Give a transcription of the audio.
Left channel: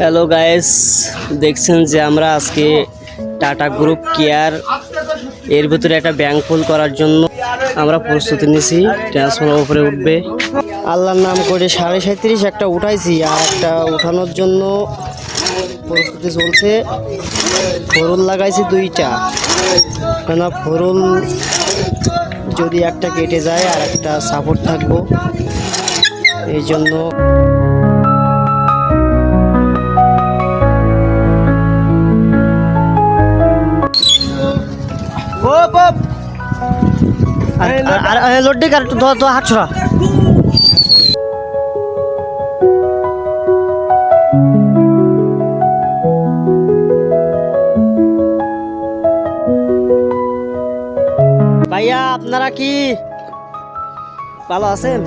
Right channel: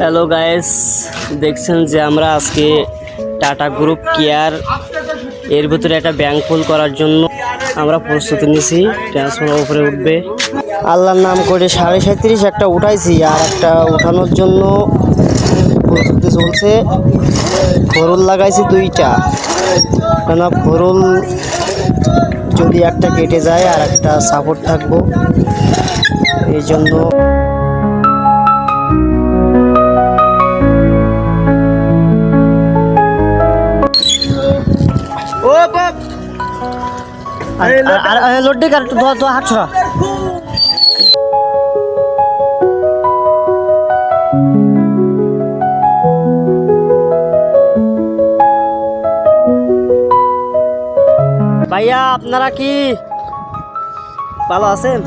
Hello guys, দেখছেন যে আমরা আজকে টাটা গ্রুপ কেয়ার এর ভিতরে একটা ব্যাংক ফুল করার জন্য আমরা প্রস্তুতি নিছি। ট্রান্সফর্মার উপরে উঠবে, আল্লাহর নাম করে 37.5 একটা উঠাইছি, আর একটা উঠানোর জন্য প্রস্তুতি চলছে। ফরুল লাগাইছি 2টা, কেন ফরুল যদি একটা কেটে যায় আর একটা সাপোর্ট থাকবো, এই জন্য। লোডে কার তো হাত ছড়া। ভাইয়া, আপনারা কি ভালো আছেন?